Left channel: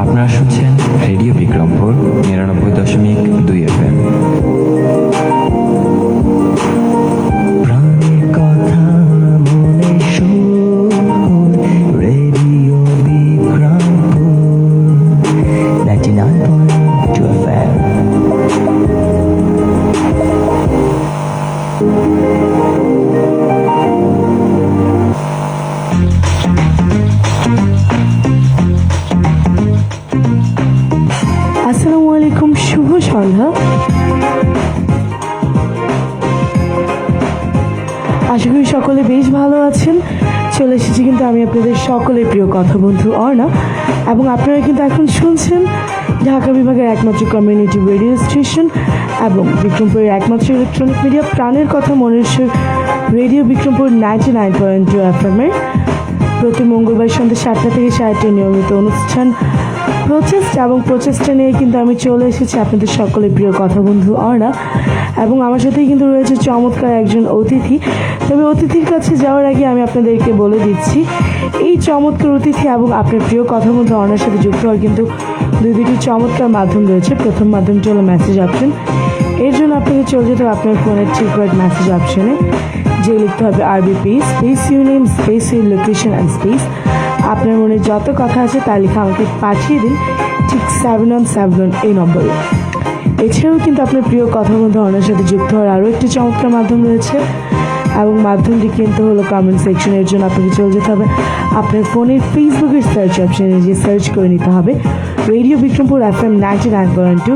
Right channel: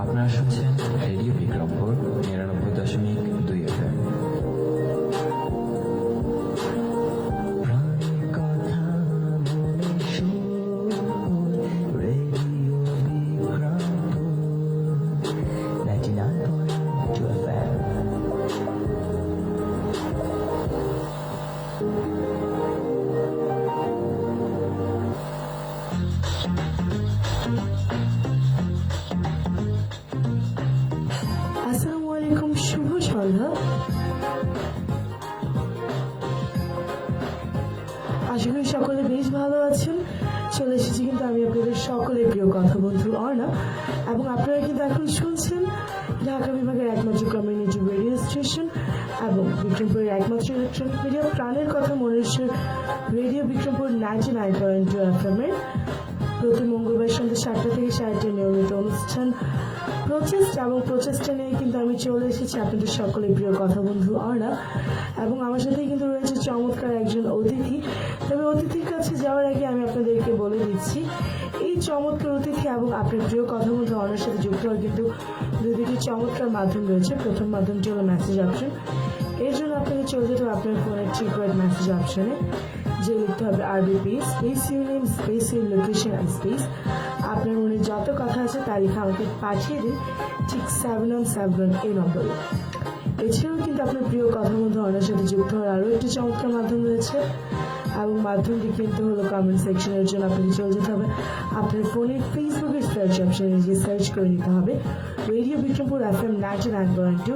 আপনারা শুনছেন radio Bikrampur ৯৯.২ FM। প্রাণের কথা মনে শোন, রেডিও বিক্রমপুর 99.2 FM। আসসালামু আলাইকুম, শুভ সন্ধ্যা। আশা করি সকলে বেশ ভালো আছেন। চলে এসেছি কিন্তু আমি আপনাদের সকলের প্রিয় কথা বন্ধু অর্ণা, এবং আপনারা কিন্তু এখন শুনছেন ঢাকা বিভাগের একমাত্র কমিউনিটি রেডিও স্টেশন এবং বিক্রমপুরের একমাত্র ইলেকট্রনিক মিডিয়া প্রাণের কথা মনের সুর রেডিও বিক্রমপুর 99.2 FM এর প্রতি মঙ্গলবার সন্ধ্যা 7টা থেকে 7টার নিয়মিত অনুষ্ঠান প্রচেষ্টা, এবং প্রচেষ্টা নিয়ে কিন্তু আমি চলে এসেছি আপনাদের সকলের প্রিয় কথা বন্ধু অর্ণা, এবং আমার সাথেই কিন্তু রয়েছে চমৎকার একজন অতিথি। তবে অতিথির কাছে যাওয়ার আগে আমি আপনাদেরকে বলে দিচ্ছি, এই চমৎকার অতিথি এবং আপনার প্রিয় কথা বন্ধু অর্ণার সাথে যুক্ত হওয়ার কিন্তু দুটি চমৎকার মাধ্যম রয়েছে। প্রথম মাধ্যমটি হলো মেসেজ অপশন। এর জন্য আপনাকে চলে যেতে হবে আপনার ফোনের ঠিক মেসেজ অপশনে, যে লিখতে হবে RBP space your name space your location and space আপনার মনে যত কথা আছে তা লিখে আমাকে পাঠিয়ে দিন ঠিক 717 এই নম্বরে। এছাড়াও কিন্তু আপনার প্রিয় কথা বন্ধু অর্ণার সাথে যুক্ত হওয়ার আরও একটি চমৎকার মাধ্যম রয়েছে, এবং মাধ্যমটি কিন্তু হলো কমেন্ট সেকশন। এর জন্য আপনাকে চলে যেতে হবে আপনার ফোনের ফেসবুকের সার্চ অপশনে, যে সার্চ করে নিতে হবে রেডিও বিক্রমপুর FM 99.2,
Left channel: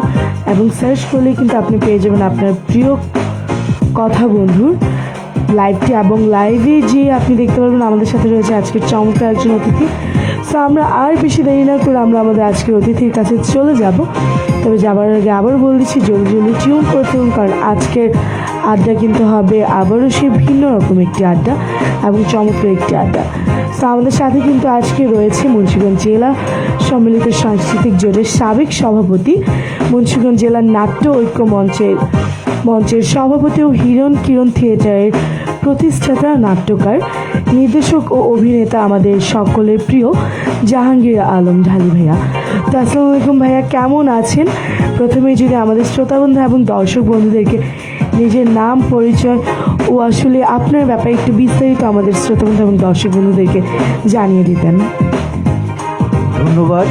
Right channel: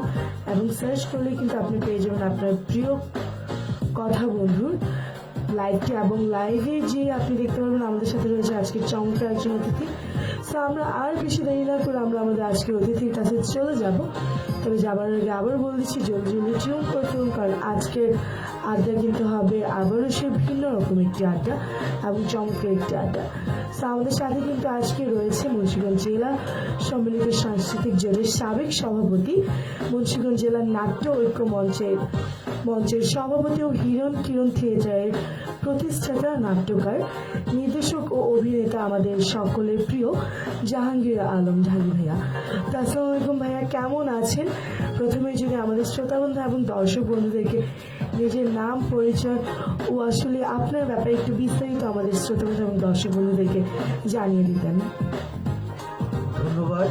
এবং সার্চ করলে কিন্তু আপনি পেয়ে যাবেন আপনার প্রিয় কথা বন্ধুর লাইভটি, এবং লাইভে যে আপনি দেখতে পারবেন আমাদের সাথে রয়েছে আজকের চমৎকার একজন অতিথি। সো আমরা আর বেশি দেরি না করে আমরা আমাদের আজকের অতিথির কাছে চলে যাব। তবে যাবার আগে আবার বলে দিচ্ছি জলদি জলদি টিউন করতে হবে, কারণ আজকের আড্ডা কিন্তু হবে আবারও সে ভিন্ন রকম একটি আড্ডা এবং চমৎকার একটি আড্ডা। সো আমাদের সাথে কিন্তু আজকে রয়েছে মুন্সিগঞ্জ জেলা সম্মিলিত সাংস্কৃতিক জোটের সাবেক সভাপতি, মুন্সিগঞ্জ জেলার নাট্য ঐক্য মঞ্চের সভাপতি ও হিরণ কিরণ থিয়েটারের প্রতিষ্ঠাতা, নাট্যকার, নির্দেশক ও অভিনেতা আমাদের সকলের প্রিয় জাহাঙ্গীর আলম ঢালি ভাইয়া। তো আসসালামু আলাইকুম ভাইয়া, কেমন আছেন? প্রথমেই যদি আমাদের শ্রোতা বন্ধু এবং দর্শক বন্ধুদেরকে নিজের নাম, পরিচয় ও আসলে আপনার ব্যাপারে একটু বিস্তারিত আমাদের শ্রোতা বন্ধু এবং দর্শক বন্ধুদেরকে জানিয়ে দিতেন। ধন্যবাদ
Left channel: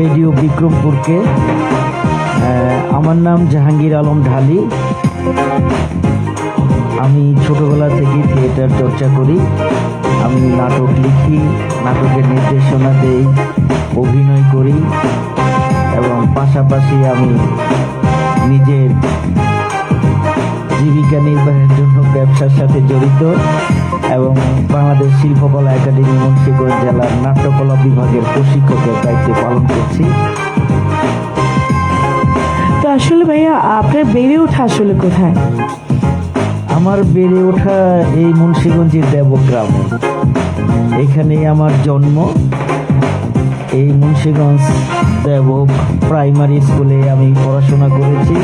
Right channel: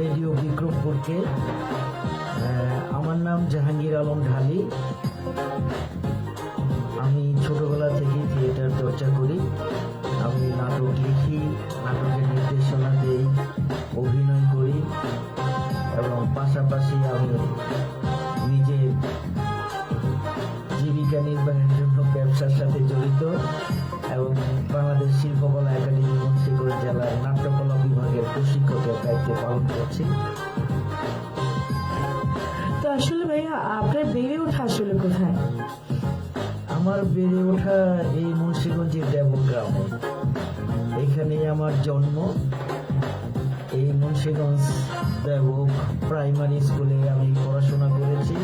রেডিও বিক্রমপুরকে। আমার নাম জাহাঙ্গীর আলম ঢালি। আমি ছোটবেলা থেকে থিয়েটার চর্চা করি। আমি নাটক লিখি, নাটকের নির্দেশনা দেই, অভিনয় করি, এবং পাশাপাশি আমি নিজের জীবিকা নির্বাহের জন্য ব্যবসার সাথে জড়িত, এবং বাংলাদেশ শিল্পকলা একাডেমি মুন্সিগঞ্জ জেলার নাট্যকলা বিভাগের প্রশিক্ষকের দায়িত্ব পালন করছি। তো আসলে ভাইয়া আপনার বেড়ে ওঠা আসলে কোথায়? আমার বেড়ে ওঠা এই মুন্সিগঞ্জের দেবগ্রাম, এখানেই আমার জন্ম। এই মুন্সিগঞ্জ দেবক প্রাইমারি স্কুলে আমি পড়াশোনা করেছি,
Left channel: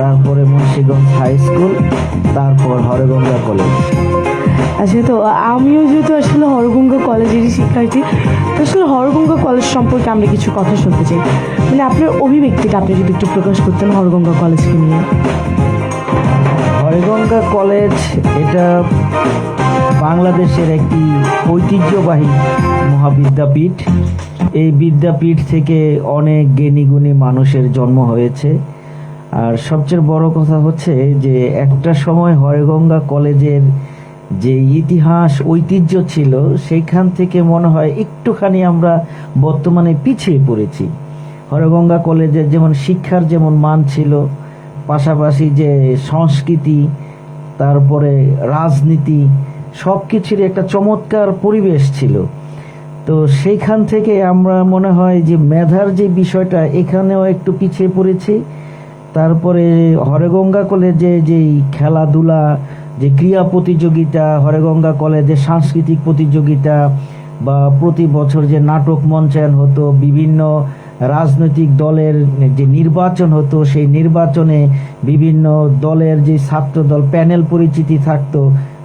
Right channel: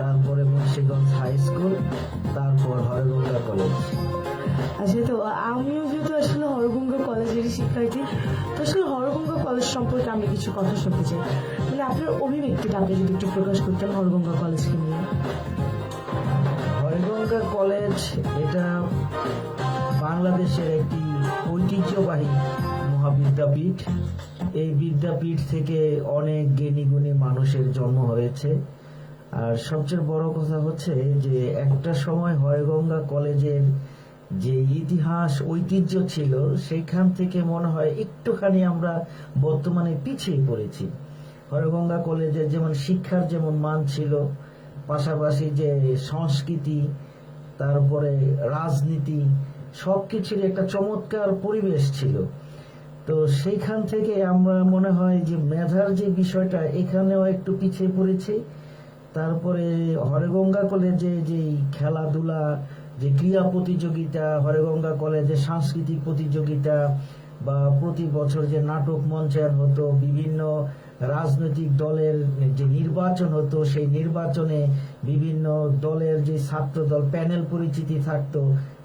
তারপরে মুন্সিগঞ্জ হাই স্কুল, তারপর হরগঙ্গা কলেজ। আচ্ছা, তো আমিও যেহেতু আসলে হরগঙ্গা কলেজেরই শিক্ষার্থী, তো আসলে হরগঙ্গা কলেজ সম্পর্কে আমরা কিছু কথা শুনতে চাই। মানে আপনার অভিব্যক্তিটা আপনি যদি একটু প্রকাশ করতেন হরগঙ্গা কলেজকে নিয়ে। হরগঙ্গা কলেজ এটা বাংলাদেশের একটি ঐতিহ্যবাহী মহাবিদ্যাপীঠ। এই বিদ্যাপীঠ থেকে অনেক জ্ঞানী গুণী মানুষের জন্ম হয়েছে। আর সবচেয়ে বড় কথা হচ্ছে যে একটা সময় হরগঙ্গা কলেজের যে ইতিহাস ঐতিহ্য ছিল, সেইখান থেকে মনে হয় একটুখানি আমরা বর্তমানে পিছিয়ে পড়েছি। হরগঙ্গা কলেজের যেমন শিক্ষার যেমন মান ছিল, পাশাপাশি যে সংস্কৃতি, তারপরে রাজনীতি, সব কিছুর একটা চমৎকার পরিবেশ ছিল। তো সেইখান থেকে আমরা মনে হয় যে মেধার যে বিষয়টা, এখানেও একটু পিছিয়ে পড়েছি। তারপরে হরগঙ্গা কলেজে যেই খেলাধুলা, যে ক্রীড়া প্রতিযোগিতা, হরগঙ্গা কলেজে সাংস্কৃতিক প্রতিযোগিতা, বা প্রতি বছর যে নাটক মঞ্চায়ন হতো, বিভিন্ন রাজনৈতিক দলের যে নির্বাচন হতো, সেই নির্বাচনে বিভিন্ন দলের যে ছাত্র দল প্যানেল পরিচিতি থাকতো,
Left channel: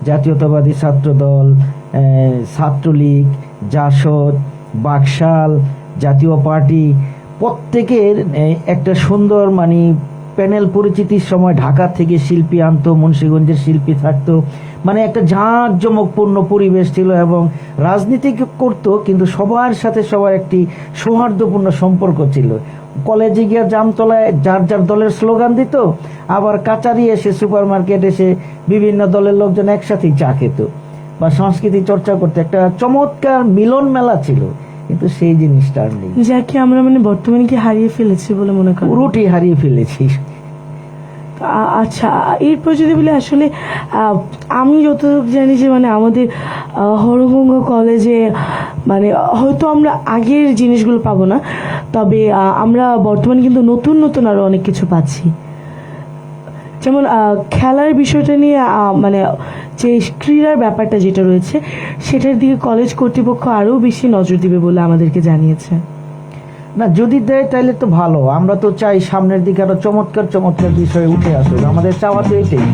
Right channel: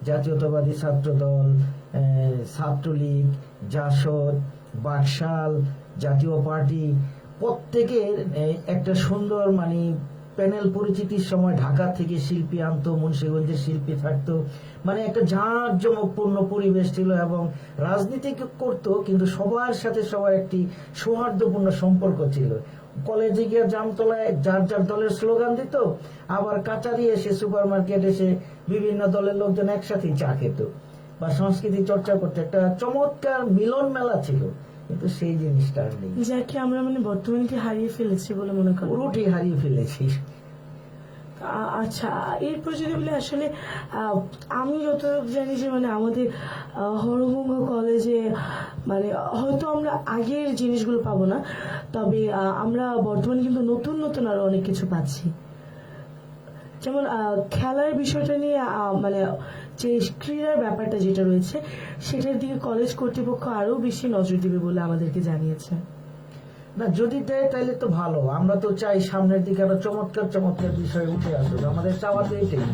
জাতীয়তাবাদী ছাত্র দল, ছাত্রলীগ, জাসদ, বাকশাল, জাতীয় পার্টি, প্রত্যেকের একটা সুন্দর মানে প্যানেল পরিচিতির সময় ঢাকা থেকে শিল্পী আনতো, মুন্সিগঞ্জের শিল্পী থাকতো, মানে একটা জাঁকজমকপূর্ণ পরিবেশ ছিল এবং রাজনীতি করতো কিন্তু সবার সাথে সবার একটি সৌহার্দ্যপূর্ণ সম্পর্ক ছিল। কলেজে গিয়ে জামতলায় যার যার দলের স্লোগান দিত, আবার কাচারি এসে সুপার মার্কেট এসে বিভিন্ন দলের লোকজন একসাথেই চা খেত বা সংস্কৃতি চর্চা করতে, একটা চমৎকার মিলন মেলা ছিল। কিন্তু সেই জিনিসটা আর নেই, যাকে আমরা মানে বর্তমানে কি হারিয়ে ফেলেছি বলে মনে করি? পুরোটি হারিয়ে ফেলেছি। আচ্ছা, এরপর যদি বলি আসলে আমি যতটুকু জানি যে মানে আমাদের হরগঙ্গা কলেজে মানে হয়তো আমরা আগের জিনিসগুলো পাবো না, তবে আমরা বর্তমানে কিন্তু নতুন নতুন আরো অনেক কিছু পাচ্ছি। যেমন খেলার বিষয়টা নিয়ে মানে যে ক্রীড়ার ব্যাপারটা যেটা রয়েছে সেটার দিকে কলেজ কর্তৃপক্ষ আরও বেশি নজর দিবে বলে আমাদেরকে জানিয়েছে। না, যদি দেয় তাহলে তো ভালো। আমরা তো চাই সামনের দিকে আরো চমৎকার চমৎকার বিষয় উঠে আসুক। আমাদের চাওয়া তো এটাই,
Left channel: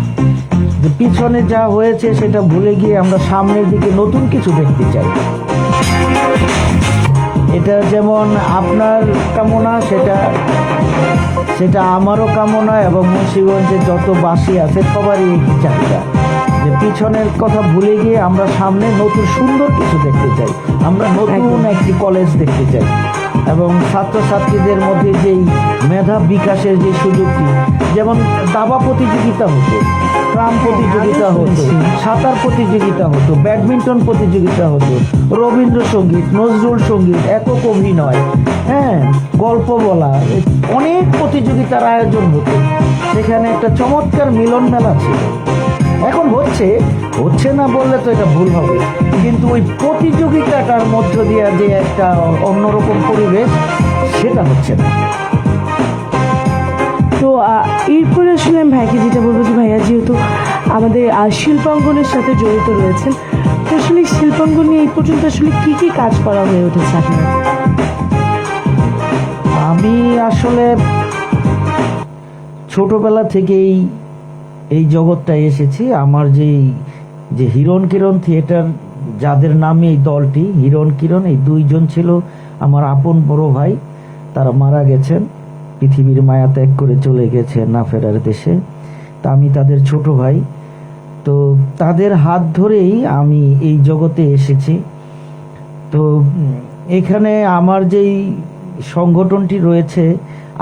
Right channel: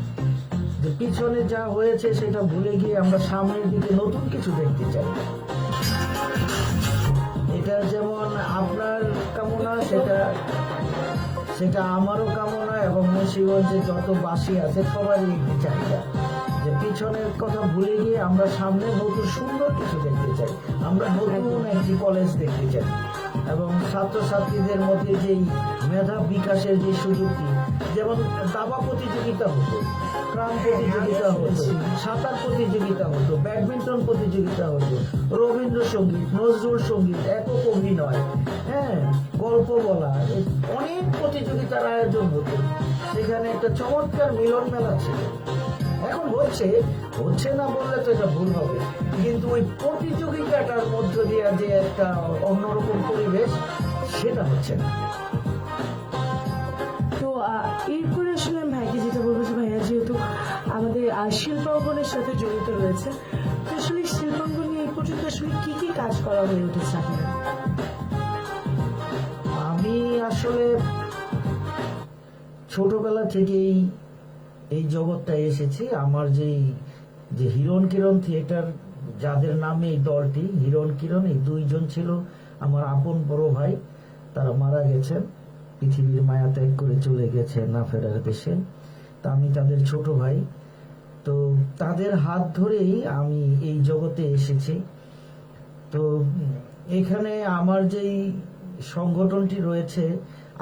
যে পিছনে যা হয়েছে সেটা ভুলে গিয়ে আমরা সামনের দিকে নতুন কিছু দেখতে চাই। এটা যেমন আপনার কামনা, সেটা আমারও কামনা এবং মুন্সিগঞ্জের যত বাসী আছে সবারই এই চাহিদা, যে পিছনের কথা ভুলে গিয়ে আমরা সামনে নতুন সুন্দর কিছু দেখতে চাই। আমরা নতুন একটি কলেজ দেখতে চাই এবং ছাত্রছাত্রীদের মধ্যে যেই মেধা বিকাশের যে সুযোগটি, যেমন দাবা প্রতিযোগিতা হতো, ট্রাম প্রতিযোগিতা হতো, সাঁতার প্রতিযোগিতা হতো, ব্যাডমিন্টন প্রতিযোগিতা হতো, রবীন্দ্রসঙ্গীত, নজরুল সঙ্গীত, একক অভিনয়, গল্প বলা, অনেক প্রতিযোগিতার আয়োজন হতো। সেখানে একটা চমৎকার মিলন মেলা ছিল। এখন হচ্ছে না বললে তো এটা ভুল হবে, কিন্তু ওই প্রতিযোগিতাটার মধ্য দিয়ে যে একটা অন্যরকম পরিবেশ, সেটা হচ্ছে না। তো এরপরে আসলে আমি ভাইকে যেটা বলবো যে ভাইয়া যেহেতু আমাদের শিল্পাঙ্গনের সাথে জড়িত রয়েছেন, তো আসলে শিল্পাঙ্গন নিয়ে এই পর্যন্ত আসলে কি কি কাজ করা হয়ে উঠেছে আপনার? আমি আসলে ছোটবেলা থেকেই এই জগৎটায় এসেছি। আমার যে হিরণ কিরণ থিয়েটার, যাদের নামে এই দলটি হিরণ কিরণ, এই দুইজন ছিল আমার আপন বড় ভাই। তারা মারা গেছেন, পৃথিবীর মায়া ত্যাগ করে চলে গেছে না ফেরার দেশে। তা আমি তাদের ছোট ভাই, তো তাদের হাত ধরেই আমি এই জগতে এসেছি। তো এখানে আমার যেই সংগঠনটি রয়েছে,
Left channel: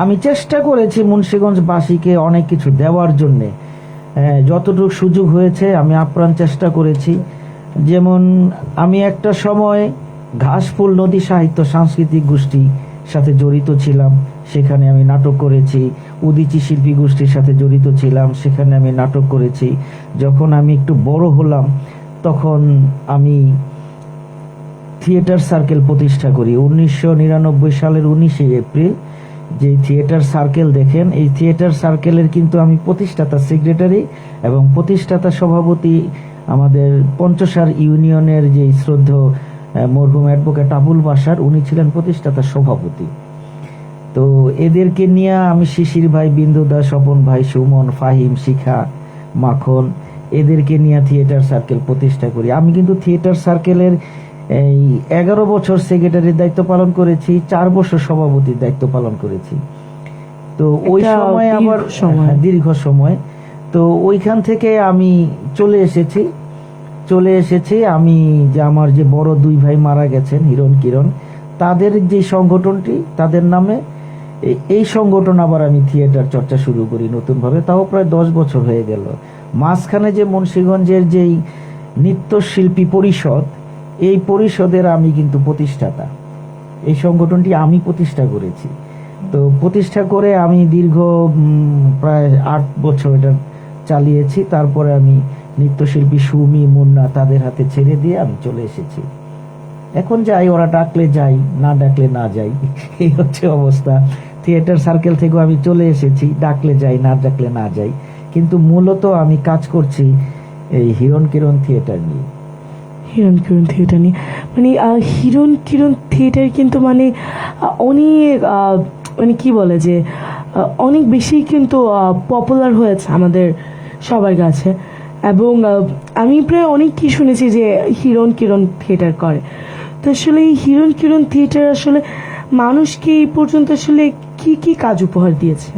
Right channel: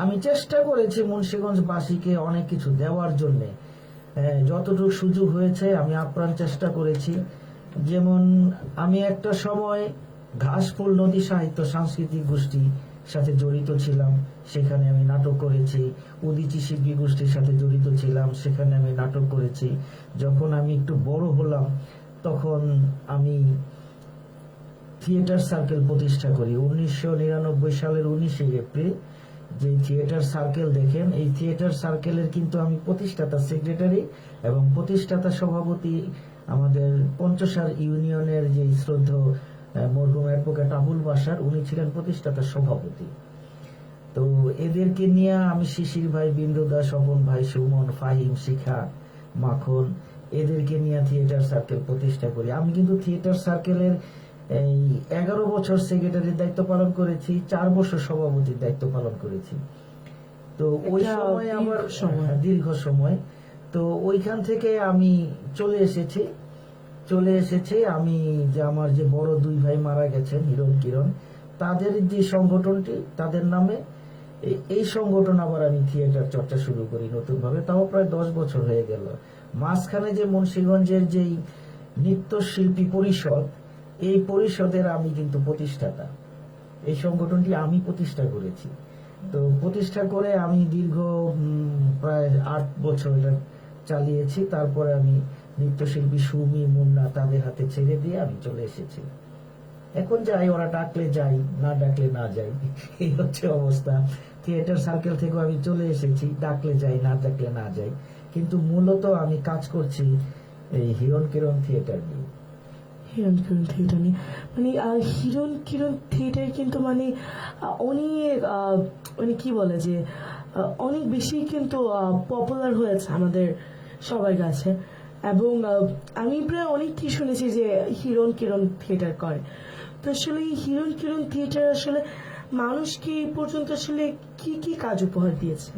আমি চেষ্টা করেছি মুন্সিগঞ্জবাসীকে অনেক কিছু দেওয়ার জন্যে, যতটুকু সুযোগ হয়েছে আমি আপ্রাণ চেষ্টা করেছি। যেমন আমি একটা সময় ঘাসফুল নদী সাহিত্য সাংস্কৃতিক গোষ্ঠীর সাথে জড়িত ছিলাম, সেখানে আমি নাটক করেছি। উদীচী শিল্পী গোষ্ঠীর সাথে জড়িত ছিলাম, সেখানে আমি নাটক করেছি। যখন আমি একটু বড় হলাম তখন আমি থিয়েটার সার্কেল প্রতিষ্ঠা করি 1999 সালের 19শে এপ্রিল। যে থিয়েটার সার্কেল দেখেন, এই থিয়েটার সার্কেলের কিন্তু আমি প্রতিষ্ঠাতা সেক্রেটারি এবং প্রতিষ্ঠাতা সভাপতি আমাদের পঞ্চসার ইউনিয়নের যে শ্রদ্ধেয় মরহুম অ্যাডভোকেট আবুল বাশার, উনি ছিলেন প্রতিষ্ঠাতা সভাপতি। তো এদেরকে নিয়ে আমি শিশির ভাই, বিন্দু দাস, স্বপন ভাই, সুমন, ফাহিম, শিখা, মাখন, এদেরকে নিয়ে থিয়েটার সার্কেল প্রতিষ্ঠা করি। আমি কিন্তু থিয়েটার সার্কেলের এই 11 বছর সেক্রেটারির দায়িত্ব পালন করেছি, 4 বছর সভাপতির দায়িত্ব পালন করেছি। তো ওই সময় আবার দীর্ঘ সময়, তো ওইখান থেকে আমি চলে এসেছি। আমি যে আমার যে বড় দুই ভাই মারা গেছেন হিরণ কিরণ, তাদের যে সংগঠনটি, তাদের নামে এই সংগঠন আবার আমি থিয়েটার চর্চা শুরু করি নতুনভাবে, তাও প্রায় 10 বছর হয়ে গেল। মাঝখানে যে মুন্সিগঞ্জের যেই নৃত্যশিল্পী পরিষদ, এই পরিষদের আমি কিন্তু প্রতিষ্ঠাতা। এই সংগঠনটি আমি প্রতিষ্ঠা করেছি। তো প্রতিষ্ঠা করে আমি দীর্ঘ প্রায় 8 বছর এটা চালিয়েছি। তারপরে আমি নৃত্যশিল্পী সুমি, মুন্না, তাদের হাতে ছেড়ে দিয়ে আমি চলে এসেছি। এখন যাই, ওরা ডাকলে যাই, না ডাকলে না যাই, এই হচ্ছে অবস্থা। থিয়েটার সার্কেল থেকেও আমি চলে এসেছি, ডাকলে যাই, না ডাকলে না যাই, কিন্তু মূলত আমি কাজ করছি এই হিরণ কিরণ থিয়েটার নিয়ে। হিরণ কিরণ থিয়েটার নিয়ে মানে হিরণ কিরণ থিয়েটার কিন্তু মানে অনেক মানে কি বলে যে অনেক বেশি কিন্তু পপুলার হয়েছে আমাদের সবার কাছে এবং আমি প্রায় অনেক কি শুনেছি যে হিরণ কিরণ থিয়েটার করে। তো আসলে এই হিরণ কিরণ থিয়েটার আসলে মানুষকে এই পর্যন্ত আসলে কি কি কাজ উপহার দিয়েছে?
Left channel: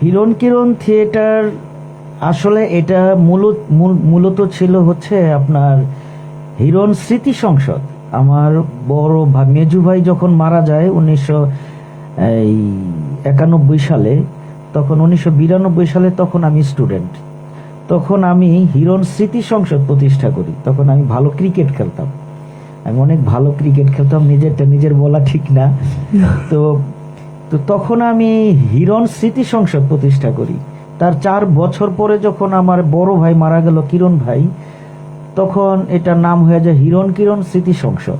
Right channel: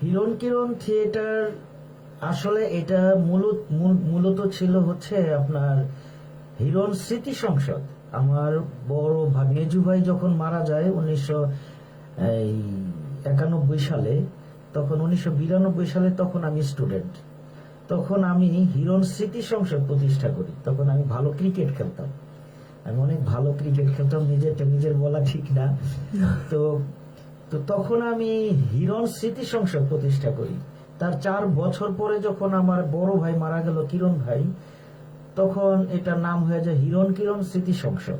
হিরণ কিরণ থিয়েটার আসলে এটা মূলত ছিল হচ্ছে আপনার হিরণ স্মৃতি সংসদ। আমার বড় মেজু ভাই যখন মারা যায় 1991 সালে, তখন 1992 সালে তখন আমি স্টুডেন্ট, তখন আমি হিরণ স্মৃতি সংসদ প্রতিষ্ঠা করি। তখন আমি ভালো ক্রিকেট খেলতাম, আমি অনেক ভালো ক্রিকেট খেলতাম, নিজের বলা ঠিক না। তো তখন আমি হিরণ স্মৃতি সংসদ প্রতিষ্ঠা করি। তার 4 বছর পরে যখন আমার বড় ভাই মারা গেল, কিরণ ভাই, তখন এটার নাম হয়ে যায় হিরণ কিরণ স্মৃতি সংসদ।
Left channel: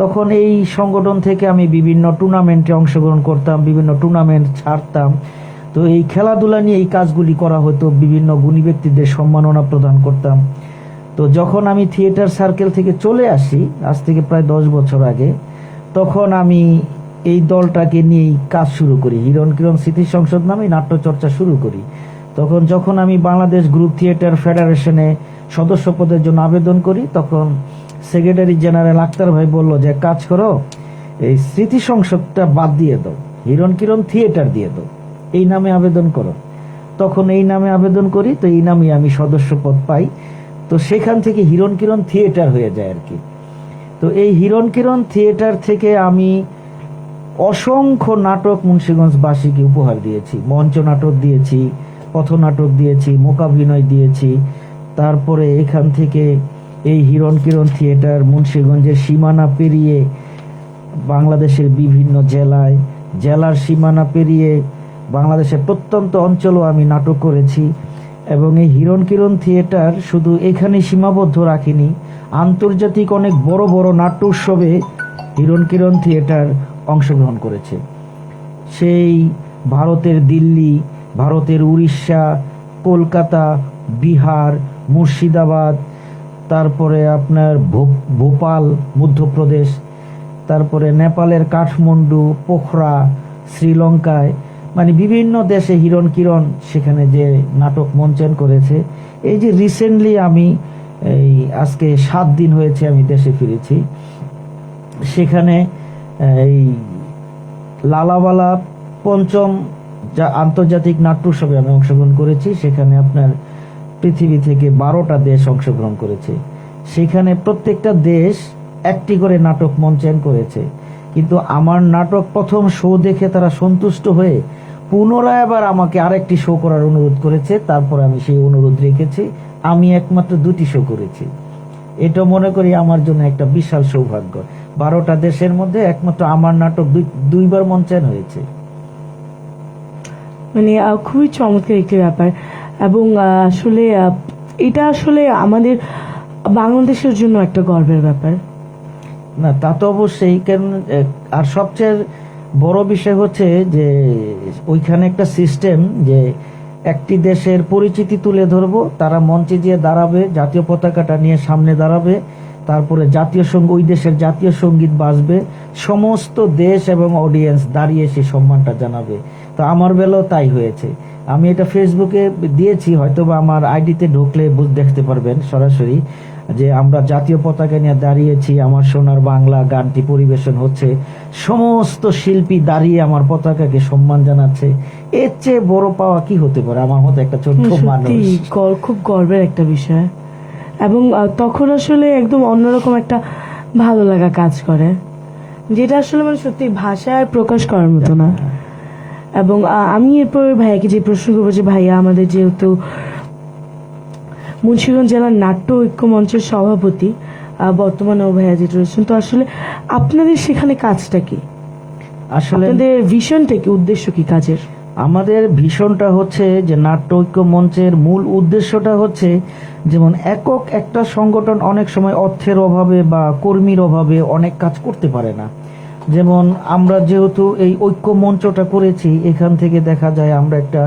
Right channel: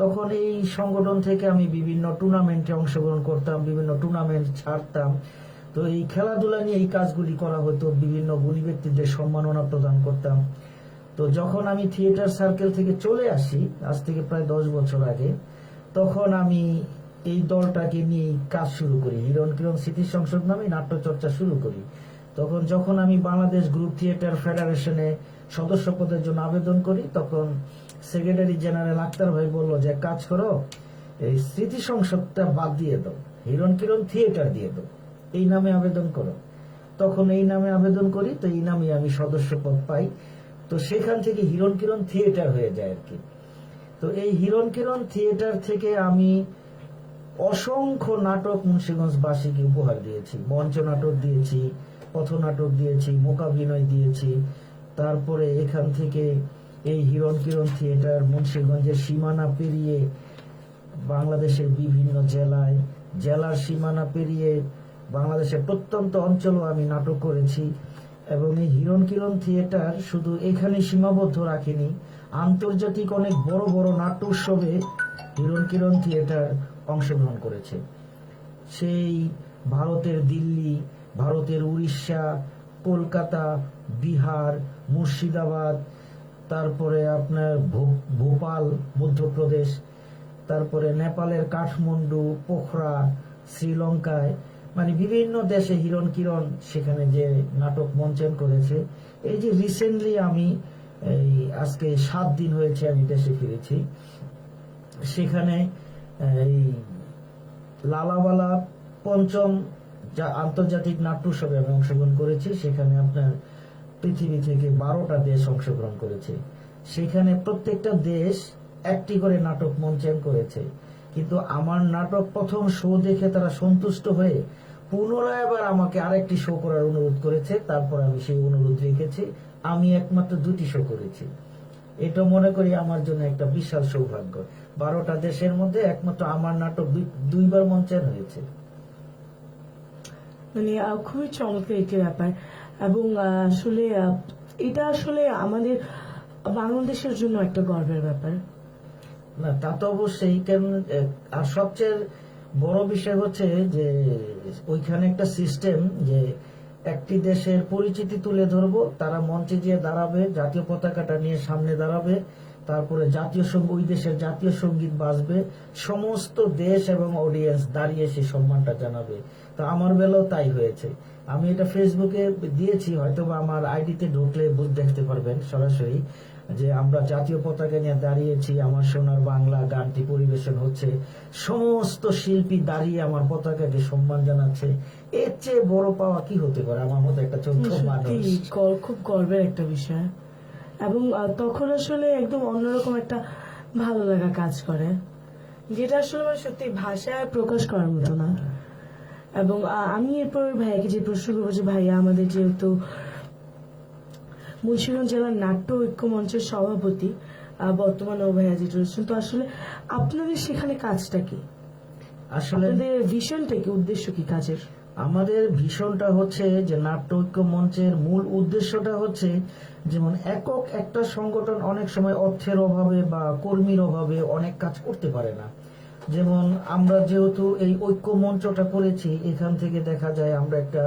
তখন এই সংগঠন থেকে আমি বিভিন্ন টুর্নামেন্টে অংশগ্রহণ করতাম, বিভিন্ন টুর্নামেন্ট ছাড়তাম। তো এই খেলাধুলা নিয়ে এই কাজগুলি করা হতো, বিভিন্ন গুণী ব্যক্তিদের সম্মাননা প্রদান করতাম। তো যখন আমি থিয়েটার সার্কেল থেকে চলে আসি, আজ থেকে প্রায় 10 বছর আগে, তখন আমি এই দলটাকে নিয়েই কাজ শুরু করি, হিরণ কিরণ স্মৃতি সংসদ নামে নাট্যচর্চা শুরু করি। যখন আমি বাংলাদেশ গ্রুপ থিয়েটার ফেডারেশনে সদস্য পদের জন্য আবেদন করি, তখন সেক্রেটারি জেনারেল আক্তার ভাই বলল যে কাজ করো, এই স্মৃতি সংসদটা বাদ দিয়ে দাও, হিরণ কিরণ থিয়েটার দিয়ে দাও, এই নামে আবেদন করো। তখন এই নামে আবেদন করি, তো এই নামে আমি সদস্য পদ পাই। তো সেখান থেকে হিরণ কিরণ থিয়েটার হয়ে যায় আর কি। তো এই হিরণ কিরণ থিয়েটার থেকে আমি অসংখ্য নাটক মুন্সিগঞ্জবাসীকে উপহার দিয়েছি। মঞ্চ নাটক দিয়েছি, পথনাটক দিয়েছি, মূকাভিনয় দিয়েছি। তারপরে এখান থেকে এই হিরণ কিরণ থিয়েটার মুন্সিগঞ্জের সীমানা পেরিয়ে বাংলাদেশের বিভিন্ন জেলার সীমানা পেরিয়ে বাংলাদেশের প্রত্যন্ত অঞ্চলও আমি নাটক করেছি। এবং এই হিরণ কিরণ থিয়েটার শুধু এখানে সীমাবদ্ধ রাখিনি, আন্তর্জাতিক অনেক বড় বড় নাট্য উৎসবে হিরণ কিরণ থিয়েটার অংশগ্রহণ করেছে। সেই ভারতের দিল্লি, ভারতের উড়িষ্যা, কলকাতা, বিহার, মুর্শিদাবাদ, তারপরে আপনার ভোপাল মধ্যপ্রদেশ, তারপরে নেপালের কাঠমান্ডু, পোখরা, শ্রীলঙ্কায়, মানে বিভিন্ন দেশে হিরণ কিরণ সেখানে যে নাটক মঞ্চন করেছে। এই যে রিসেন্টলি আমি এই আজকে 7 দিন হয়েছে আমি দেশে ফিরেছি, সেখানে এই লালাওয়ালা 5ম আন্তর্জাতিক নাট্য উৎসবে আমি অংশগ্রহণ করেছি। সেখানে আপনার পৃথিবী থেকে 12টা দেশ অংশগ্রহণ করেছে। সেখানে প্রত্যেকটা দেশ একটি করে নাটক মঞ্চন করেছে, কিন্তু আমার নাটক প্রথম শো দেখে তারা সন্তুষ্ট হয়ে পুনরায় আবার আমাকে আরেকটি শো করার অনুরোধ করেছে। তারপর আমি সেই অনুরোধ রেখেছি, আমি একমাত্র 2টি শো করেছি। এটা মনে করি আমার জন্য একটা বিশাল সৌভাগ্য। 12টা দেশের মধ্যে একমাত্র আমার নাটক দুইবার মঞ্চন হয়েছে। মানে খুবই চমৎকার একটি ব্যাপার। এবং আসলে এটা আসলে আমাদের বাংলাদেশের জন্য একটা গর্বের ব্যাপার। না, তা তো অবশ্যই। কারণ আর সবচেয়ে বড় বিষয় হচ্ছে যে ওইখানে একটা সিস্টেম, যে একটি দেশের পরিচিতি তুলে ধরবো, তারা মঞ্চে গিয়ে দাঁড়াবে, জাতীয় পতাকাটা নিয়ে সামনে দাঁড়াবে, তারপরে ওই দেশের জাতীয় সঙ্গীত বাজবে, সমস্ত দেশ এবং অডিয়েন্স দাঁড়িয়ে সে সম্মানটা জানাবে। তো আমার বেলাও তাই হয়েছে। আমি এটা ফেসবুকে দিয়েছি, হয়তো বা আমার আইডিতে ঢুকলে দেখতে পারবেন সরাসরি, যে আমরা জাতীয় পতাকা নিয়ে দাঁড়িয়েছি, আমার সোনার বাংলা গানটি পরিবেশন হচ্ছে, সমস্ত শিল্পী দাঁড়িয়ে আমার পতাকাকে সম্মান জানাচ্ছে। এর চেয়ে বড় পাওয়া কি হতে পারে আমার মতো একটা ছোট্ট মানুষ? খুব গর্বের একটা বিষয়। এবং তখন আসলে একদম অন্যরকম একটা ভালো লাগা কাজ করে, যেটা আসলে মানে সত্যি ভাষায় প্রকাশ করার মতো না। এবং আমি এরপর ভাইয়াকে যে প্রশ্ন করবো, যে ভাইয়া আমাদের যেহেতু মুন্সিগঞ্জ জেলার নাট্য ঐক্য মঞ্চের সভাপতি বর্তমানেও ভাইয়া যেটা রয়েছেন, তো আসলে আপনাদের সেখানে কাজটা কি? আসলে আপনাদের ভিশনটা কি, উদ্দেশ্য কি কাজের? আমাদের ভীষণটা হচ্ছে যে নাট্য ঐক্য মঞ্চের মূল উদ্দেশ্যটা হচ্ছে, যেমন একক একটা সংগঠন অনেক সময় অর্থের অভাবে বা কর্মীর অভাবে অনেক কাজ করতে পারে না। যেমন আমরা যেহেতু এই ঐক্য মঞ্চটা করেছি, এখান থেকে দেখা যায় আমরা একটা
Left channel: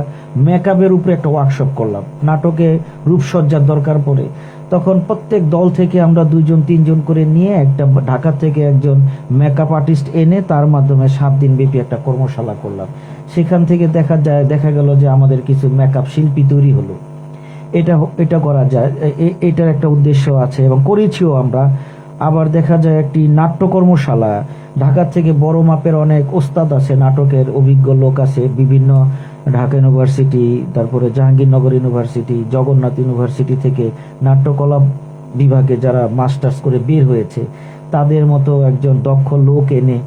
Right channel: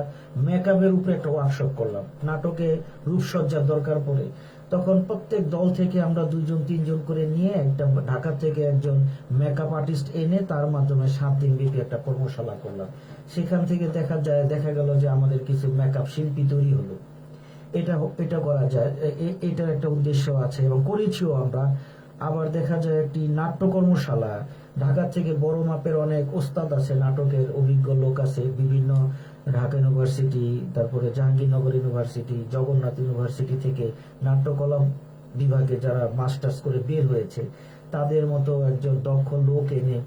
মেকআপের উপরে একটা ওয়ার্কশপ করলাম। নাটকে রূপসজ্জার দরকার পড়ে, তখন প্রত্যেক দল থেকে আমরা 2জন 3জন করে নিয়ে একটা ঢাকা থেকে একজন মেকআপ আর্টিস্ট এনে তার মাধ্যমে 7 দিন ব্যাপী একটা কর্মশালা করলাম। সেখান থেকে দেখা গেল যে আমাদের কিছু মেকআপ শিল্পী তৈরি হলো। এটা করা যায়, এটার একটা উদ্দেশ্য আছে এবং করেছিও আমরা। আবার দেখা যায় একটি নাট্য কর্মশালা, ঢাকা থেকে বড় মাপের অনেক ওস্তাদ আছে, নাটকের অভিজ্ঞ লোক আছে, বিভিন্ন ঢাকা ইউনিভার্সিটি, তারপরে জাহাঙ্গীরনগর ইউনিভার্সিটি, জগন্নাথ ইউনিভার্সিটি থেকে নাট্যকলা বিভাগে যারা মাস্টার্স করে বের হয়েছে, তাদের মতো একজন দক্ষ লোক এনে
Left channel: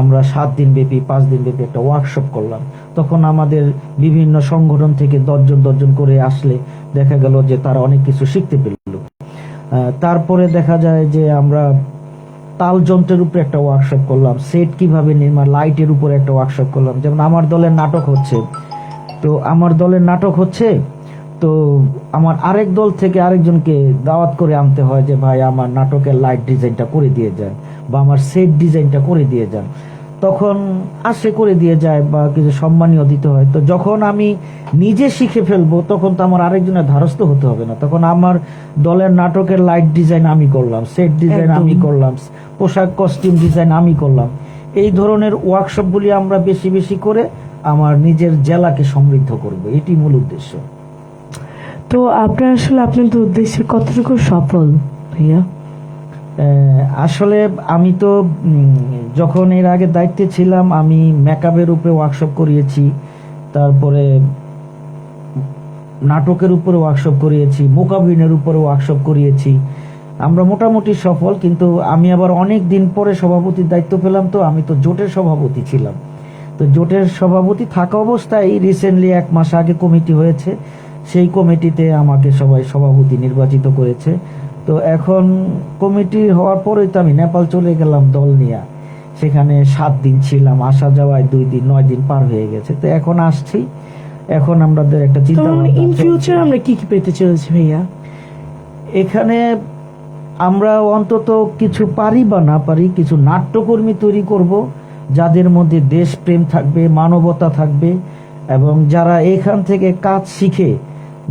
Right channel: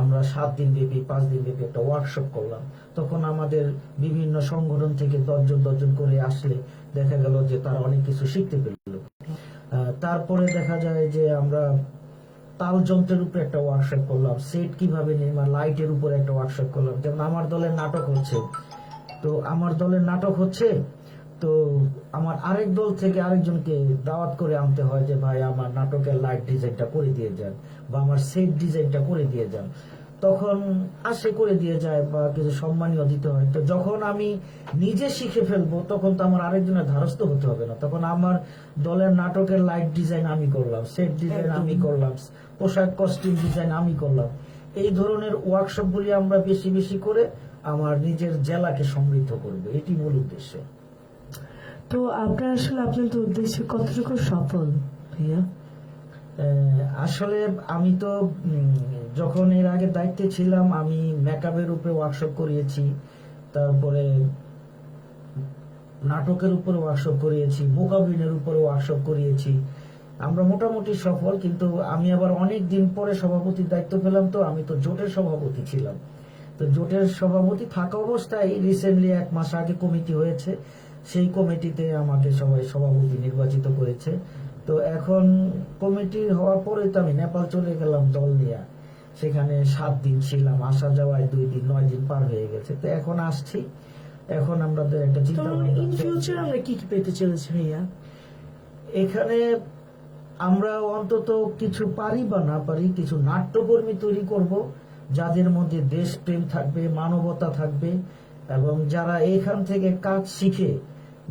আমরা 7 দিন ব্যাপী 5 দিন ব্যাপী একটা ওয়ার্কশপ করলাম। তখন আমাদের বিভিন্ন সংগঠন থেকে 10জন করে আসলে দেখা গেল যে তারা অনেক কিছু শিখতে পেল। তারপরে দেখা যায় যে আমরা তাল যন্ত্রের উপরে একটা ওয়ার্কশপ করলাম, সেট কিভাবে নির্মাণ, লাইটের উপরে একটা ওয়ার্কশপ করলাম। যেমন আমার দলের নাটক হচ্ছে, তো আমার আরেক দল থেকে আরেকজনকে দাওয়াত করে আনতে হয় যে ভাই আমার নাটকের লাইট ডিজাইনটা করে দিয়ে যান বা আমার সেট ডিজাইনটা করে দিয়ে যান। তখন আসে করে দিয়ে যায় বা কিছু সম্মানীয় দিতে হয়। তো যখন আমি নিজে শিখে ফেলবো তখন তো আমার আরেকজনের ধারস্থ হতে হবে না, তখন আমার দলের নাটকের লাইট ডিজাইন আমি করলাম, সেট ডিজাইন আমি করলাম, পোশাক কস্টিউম ডিজাইন আমি করলাম। এই ধরনের ওয়ার্কশপগুলি আমরা বেশি বেশি করে আমার নিজের জেলাকে সমৃদ্ধ করব, এটি মূল উদ্দেশ্য। তো আপনার আসলে আপনাদের উদ্দেশ্যে কতটুকু সফল ভাইয়া? আসলে আমি তো যখন এর আগে দায়িত্বে ছিলাম আমি মেকআপের উপরে ওয়ার্কশপ করিয়েছি, তারপরে নাটকের উপরে ওয়ার্কশপ করিয়েছি, মোকাবিনের উপরে ওয়ার্কশপ করিয়েছি। আমরা মোটামুটি সফল, কিন্তু আমি আবার অনেক দিন পরে সভাপতির দায়িত্ব পেলাম। তো আমি তো জোটের সভাপতি ছিলাম, তো জোটের সভাপতি থাকা অবস্থায় রিসেন্টলি 1 মাস আগে কমিটি হয়েছে, সেই কমিটিতে আমাকে সবাই সভাপতি নির্বাচিত করেছে। তো এখন কমিটি হওয়ার পরেই তো আমি নেপাল চলে গেলাম দল নিয়ে, সেখানে 7 দিন ছিলাম, আসা যাওয়ায় 2 দিন 9 দিন পার হয়ে গেছে। তো এখন আসছি, এখন আমাদের একটা চিন্তা ইন ফিউচার আমরা কি কি পেতে চলেছি ভাইয়া এখানে? আমরা অন্তত কিছু পারি বা না পারি কিছু নাট্যকর্মী তৈরি করব, যাদের মধ্যে দেশপ্রেম থাকবে, মানবতা থাকবে, এবং যারা এখান থেকে কাজ শিখে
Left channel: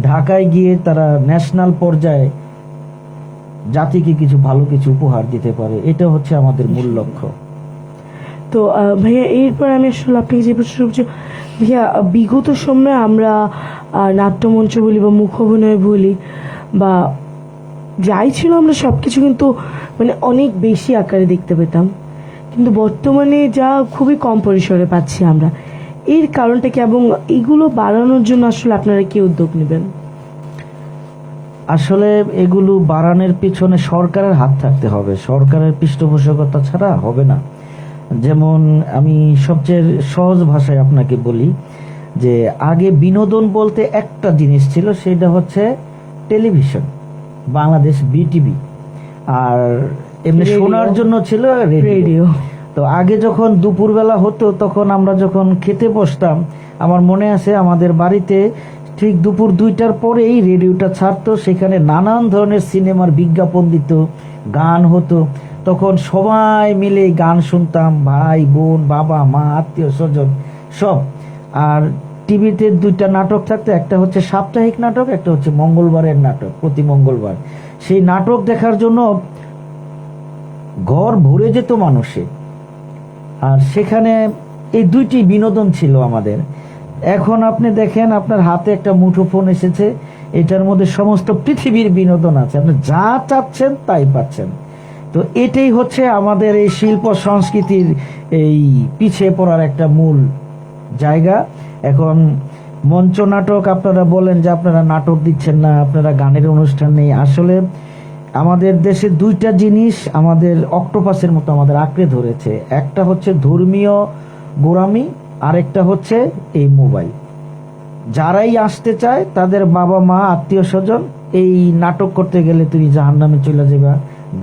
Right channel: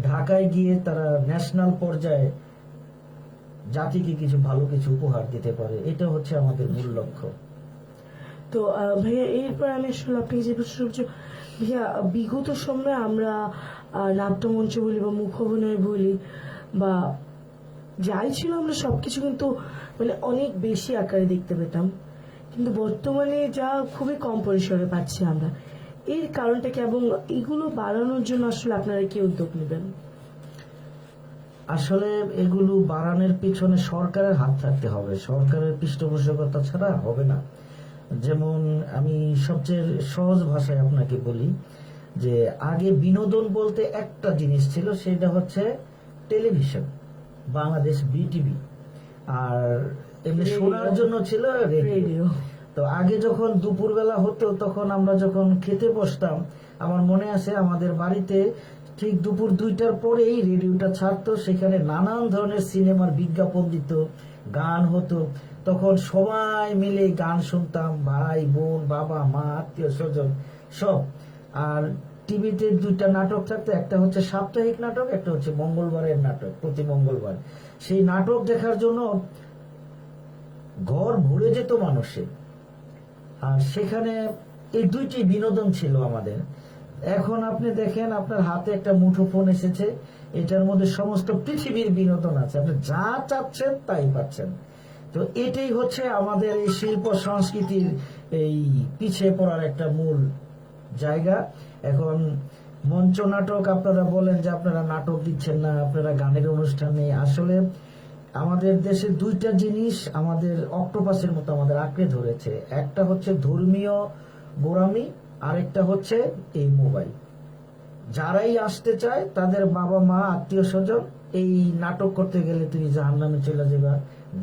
ঢাকায় গিয়ে তারা ন্যাশনাল পর্যায়ে জাতিকে কিছু ভালো কিছু উপহার দিতে পারে। এটা হচ্ছে আমাদের মূল লক্ষ্য। তো ভাইয়া এরপর আমি আসলে আপনাকে যে প্রশ্ন করছি ভাইয়া, বিগত সময়ে আমরা নাট্যমঞ্চ বলি বা মুখ অভিনয় বলি বা যাই ছিল, আমরা সবকিছু কিন্তু মানে অনেক বেশি আকারে দেখতে পেতাম, কিন্তু বর্তমানে যা খুবই কম পরিসরে পাচ্ছি আমরা। এর কারণটা কি, এবং এগুলো বাড়ানোর জন্য আসলে আপনারা কি উদ্যোগ নেবেন? আসলে এগুলো বাড়ানোর পিছনে সরকারের হাত থাকতে হবে, সরকারের পৃষ্ঠপোষকতা ছাড়া হবে না। যেমন আমি সবচেয়ে সহজ ভাষায় আপনাকে বলি যে আগে বিনোদন বলতে একটা জিনিস ছিল, সেটা হচ্ছে টেলিভিশন, বাংলাদেশ বিটিভি, আর এমনি শোনার জন্য ছিল রেডিও। তো আগে যখন দুপুরবেলা হতো তখন আমরা যখন খেতে বসতাম, আমার মনে আছে আমাদের বাড়িতে ঠিক দুপুর 2টার পরেই রেডিওটা ছাড়তো, সেখানে নানান ধরনের সিনেমার বিজ্ঞাপন দিত, গান হতো, তখন সবাই মিলে গান শুনতাম, ভাই বোন বাবা মা আত্মীয় স্বজন সব। আর টিভিতে 2টা নাটক থাকতো, একটা হচ্ছে সাপ্তাহিক নাটক, একটা হচ্ছে মঙ্গলবারের নাটক, প্রতি মঙ্গলবার। সেই নাটক দেখার জন্য ঘর ভরে যেত মানুষে, আর সেখানে এই 2টি বিনোদন ছিল আমাদের। এখন আপনি দেখেন আপনার হাতে একটা মুঠোফোন এসেছে, এটার মধ্যে সমস্ত পৃথিবীর বিনোদন আছে, আপনি যা চাচ্ছেন তাই পাচ্ছেন। তো এটাই হচ্ছে আমাদের এই শিল্প সংস্কৃতির এই পিছিয়ে পড়ার একটা মূল জায়গা। এখন মঞ্চ নাটক, আপনারা বলেন যে আপনারা নাটক দিচ্ছেন না, আপনারা গানের অনুষ্ঠান নেই। আসলে আমাদের দেশে 2টা জিনিস আমাদের অক্টোপাসের মতো আমাদের আঁকড়ে ধরেছে, একটা হচ্ছে ধর্মীয় গোড়ামি, আরেকটা হচ্ছে এই মোবাইল। যারাই আসতে চায় তাদের বাবা মা আত্মীয় স্বজন, এই নাটক করতে গেলে তুমি জাহান্নামে চলে যাবা,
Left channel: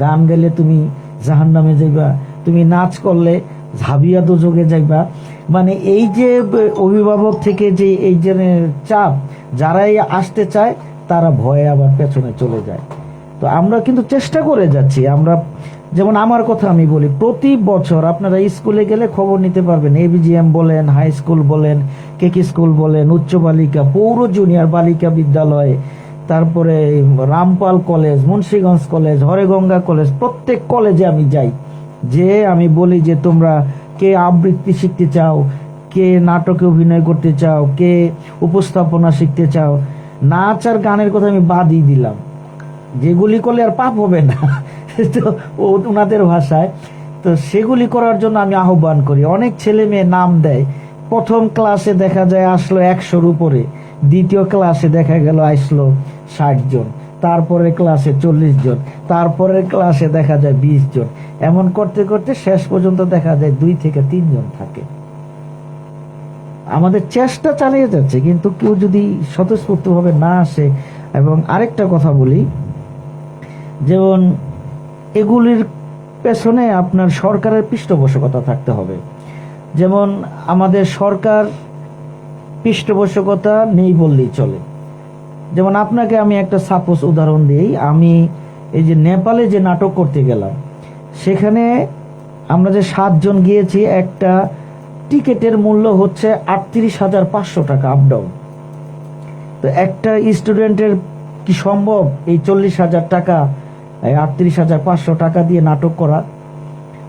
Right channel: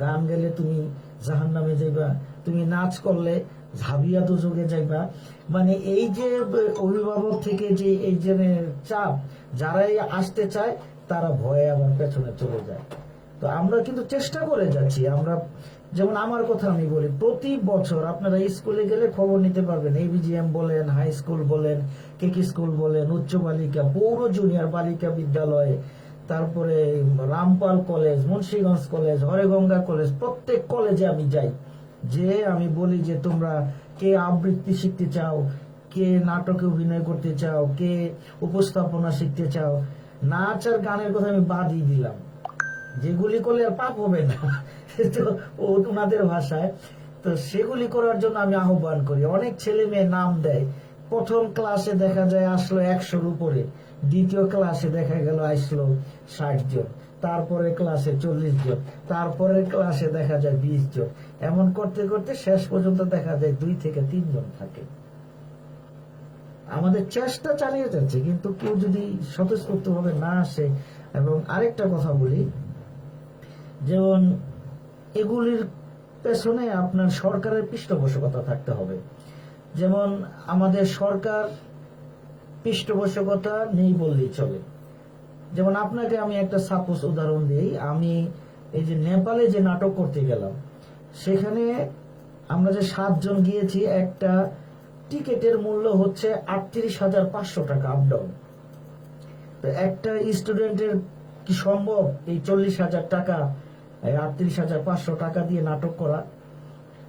গান গেলে তুমি জাহান্নামে যাইবা, তুমি নাচ করলে ঝাবিয়া দোজগে যাইবা। মানে এই যে অভিভাবক থেকে যে এই যে চাপ, যারাই আসতে চায় তারা ভয়ে আবার পেছনে চলে যায়। তো আমরা কিন্তু চেষ্টা করে যাচ্ছি। আমরা যেমন আমার কথা আমি বলি, প্রতি বছর আপনারা স্কুলে গেলে খবর নিতে পারবেন, এবিজিএম বলেন, হাই স্কুল বলেন, কেকি স্কুল বলেন, উচ্চ বালিকা, পৌর জুনিয়র বালিকা বিদ্যালয়, তারপরে Rampal college, Munshiganj college, Haraganga college, প্রত্যেক কলেজে আমি যাই, যে আমি বলি যে তোমরা কে আবৃত্তি শিখতে চাও, কে নাটকে অভিনয় করতে চাও, কে উপস্থাপনা শিখতে চাও, নাচ আর গানের কথা আমি বাদই দিলাম, যেগুলি করলে আর পাপ হবে না তো ওনাদের ভাষায়। তো সেগুলি করার জন্য আমি আহ্বান করি। অনেক ছেলে মেয়ে নাম দেয়, প্রথম ক্লাসে দেখা যায় আসলো 100-র উপরে, দ্বিতীয় ক্লাসে দেখা গেল আসলো 60 জন, তারপরে ক্লাসে 40 জন, তারপরের ক্লাসে দেখা যায় 20 জন, এমন করতে করতে শেষ পর্যন্ত দেখা যায় 2 থেকে 3 জন থাকে। আমাদের চেষ্টা চালিয়ে যাচ্ছে, কিন্তু কেউ যদি স্বতঃস্ফূর্তভাবে না আসে। এবং আরেকটা কথা বলি, যেমন এগুলির পেছনে আপনার সরকারের পৃষ্ঠপোষকতা থাকতে হবে। যেমন আমাদের সরকার পৃষ্ঠপোষকতা নেই বললেই চলে। যেমন আপনাকে আমি একটা সাপোজ উদাহরণ দিই, আমি এই যে নেপালে যে নাটক করতে গেলাম, সেখানে আমরা যে 7 জন গিয়েছি, একটা টিকেটের মূল্য হচ্ছে 38,500 টাকা আপ ডাউন। তো একটা স্টুডেন্টের কি সম্ভব এই 40,000 টাকা, 38,500 টাকা দিয়ে নাটক করা?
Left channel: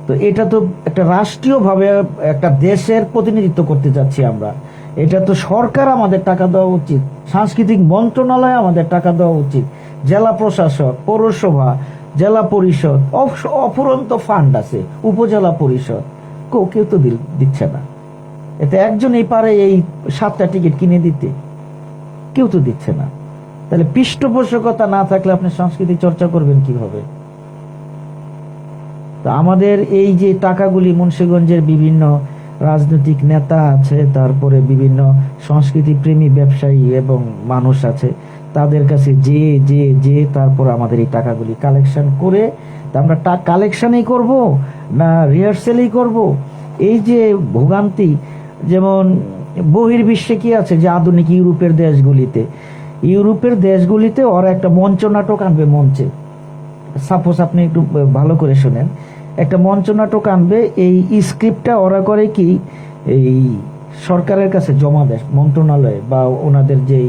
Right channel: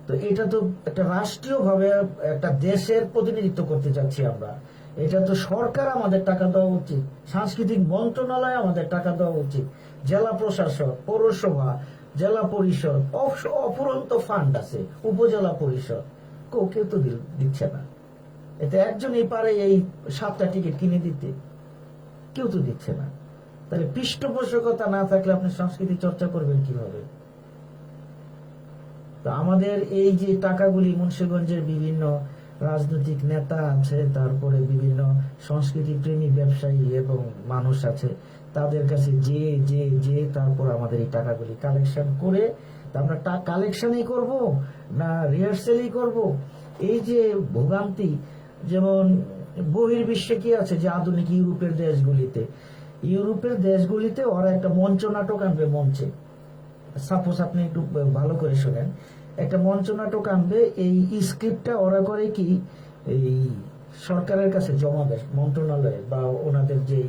তো এটা তো একটা রাষ্ট্রীয়ভাবে একটা দেশের প্রতিনিধিত্ব করতে যাচ্ছি আমরা, এটা তো সরকার আমাদের টাকা দেওয়া উচিত, সাংস্কৃতিক মন্ত্রণালয় আমাদের টাকা দেওয়া উচিত, জেলা প্রশাসক, পৌরসভা, জেলা পরিষদ, অফুরন্ত ফান্ড আছে, উপজেলা পরিষদ, কেউ তো দিচ্ছে না। এতে একজনই পারে এই 7টা টিকিট কিনে দিতে, কেউ তো দিচ্ছে না। তাহলে পৃষ্ঠপোষকতা না থাকলে আপনি সংস্কৃতি চর্চা করবেন কিভাবে? তো আমাদের এই যে টাকাগুলি মুন্সিগঞ্জের বিভিন্ন রাজনৈতিক নেতা আছে, তারপরে বিভিন্ন সংস্কৃতি প্রেমী ব্যবসায়ী এবং মানুষ আছে, তাদের কাছে যে তারপর আমাদের এই টাকাগুলি কালেকশন করে, আমরা কালেকশনই করব না রিহার্সেলই করব? এই যে ভোগান্তি, যেমন বহির্বিশ্বে কি আছে, যে আধুনিক ইউরোপের দেশগুলিতে ওরা একটা মঞ্চ নাটক আনবে মঞ্চে। সাপোজ আপনি একটু ভালো করে শুনেন, একটা মঞ্চ নাটক আনবে, এই স্ক্রিপ্টটা ওরা করে কি, এই সরকারের কাছে জমা দেয় মন্ত্রণালয়ে বা ওনাদের যে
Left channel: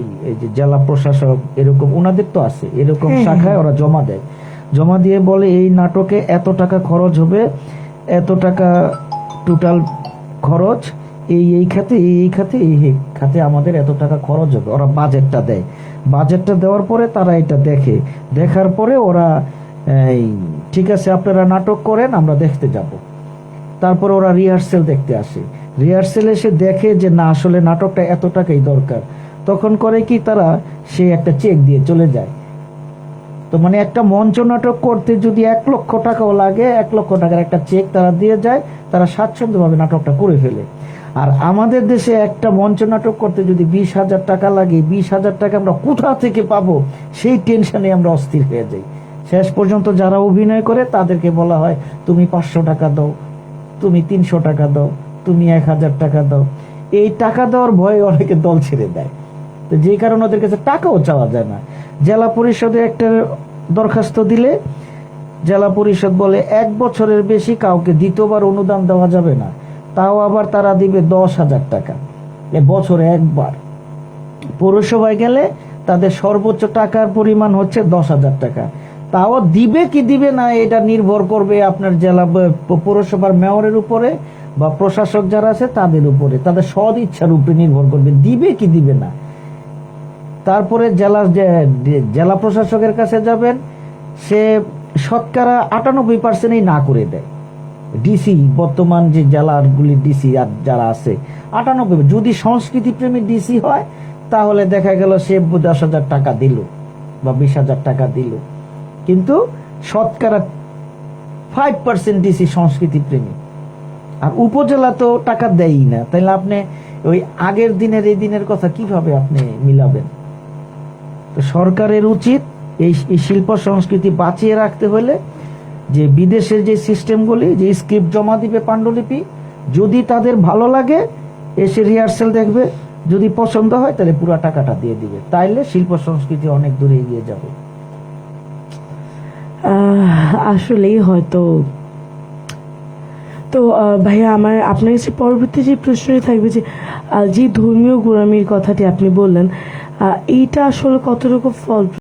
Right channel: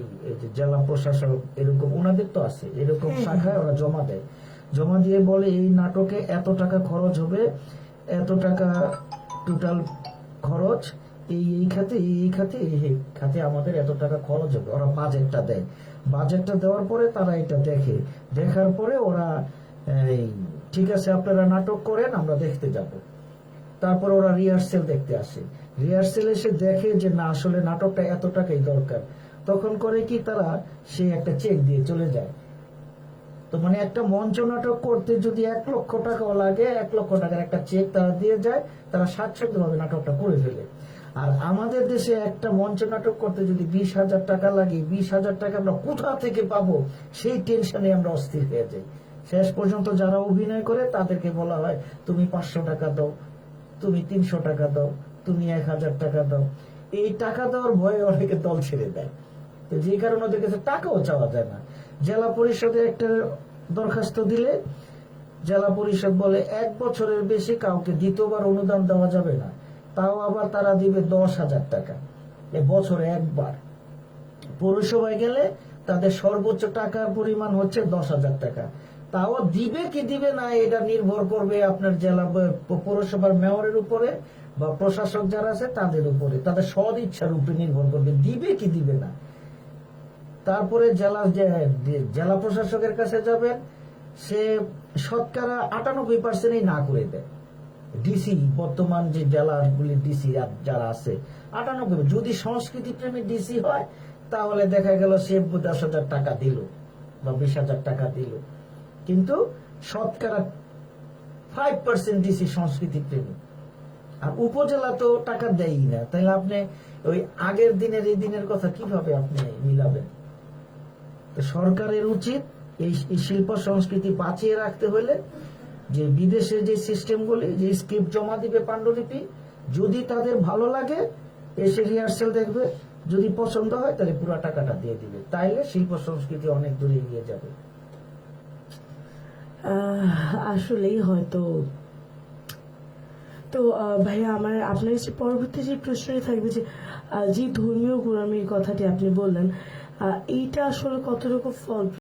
জেলা প্রশাসক, এরকম ওনাদের তো আছে এরকম শাখায়, ওরা জমা দেয়। জমা দিয়ে বলে এই নাটকে এত টাকা খরচ হবে, এত টাকা টোটাল খরচ, এই খাতে আমাদের এত টাকা খরচ হবে। ওরা বাজেটটা দেয়, বাজেটটা দেওয়ার পরে তারা এটা দেখার পরে ওরা ঠিক আছে আপনারা নাটক করেন, আমরা দেখতে যাব। তারপর ওরা রিহার্সেল দেখতে আসে, রিহার্সেল এসে দেখে যে না, আসলে নাটকটা এত টাকাই দরকার, তখন করে কি তারা সে একটা চেক দিয়ে চলে যায়। তো মানে একটা মঞ্চ নাটক করতে যদি 1 লক্ষ টাকাও লাগে, 1 লক্ষ টাকার একটা চেক তারা দিয়ে যায়, তারা স্বাচ্ছন্দ্যভাবে নাটকটা করে ফেলে। আর আমাদের দেশে একটা মঞ্চ নাটক করতে যদি 20,000 টাকা লাগে, 20,000 টাকা আমরা কোথা থেকে পাবো, সেই টেনশনে আমরা অস্থির হয়ে যাই। শেষ পর্যন্ত যারা অভিনয় করে তাদেরকে বলা হয় তুমি 500 টাকা দাও, তুমি 300 টাকা দাও, তুমি 1,000 টাকা দাও। এই টাকা দেওয়ার ভয়ে অনেকে দল ছেড়ে দেয়। তো যে কারণে ওদের কাছে টাকাও চাওয়া যায় না। জেলা পরিষদে একটা দরখাস্ত দিলে জেলা পরিষদ বলে 1 বছরের বেশি কাউকে দ্বিতীয়বার অনুদান দেওয়া যাবে না, তাও আবার তারা দিবে 10,000 টাকা বছরে একবার। পৌরসভায় গেলে তাদের সর্বোচ্চ টাকার পরিমাণ হচ্ছে 10,000 টাকা, তাও দিবে কি দিবে না এটা নির্ভর করবে আপনার জেলা পৌরসভার মেয়রের উপরে বা প্রশাসক যারা আছে তাদের উপরে, তাদের সদ ইচ্ছার উপরে নির্ভর করবে দিবে কি দিবে না। তারপরে জেলা প্রশাসকের কাছে যাবেন, সে শতকরা 98%ই না করে দেয়। ডিসি, বর্তমান যে জেলাগুলি ডিসি আর যারা আছে 98, যদি সংস্কৃতি প্রেমী ডিসি হয় তাহলে দেখা গেল সে 10,000 টাকা দিল বা 20,000 টাকা দিল, কিন্তু শতকরা 5% ডিসি সংস্কৃতি প্রেমী। আর উপজেলা তো টাকা দেয়ই না, তাইলে আপনি ওই আগের দিনের এই দিনের কথা কিভাবে আপনি মিলাবেন? তো সরকারের উচিত এই শিল্প সংস্কৃতি বাঁচিয়ে রাখতে হলে যে বিদেশের যে সিস্টেমগুলি, যে স্ক্রিপ্ট জমা দিবে পাণ্ডুলিপি, যদি তাদের ভালো লাগে এসে রিহার্সেল দেখবে, যদি পছন্দ হয় তাহলে পুরো টাকাটা দিয়ে দিবে, তাইলে শিল্প সংস্কৃতি অনেক দূরে এগিয়ে যাবে। আসলেই হয়তো। তো ভাইয়া আমার আপনার কাছে পরবর্তী যে প্রশ্নটি থাকবে যে যে ধর্মীয় গোঁড়ামির কথাটি আপনি বললেন, এইটা আসলে কতটুকু ফল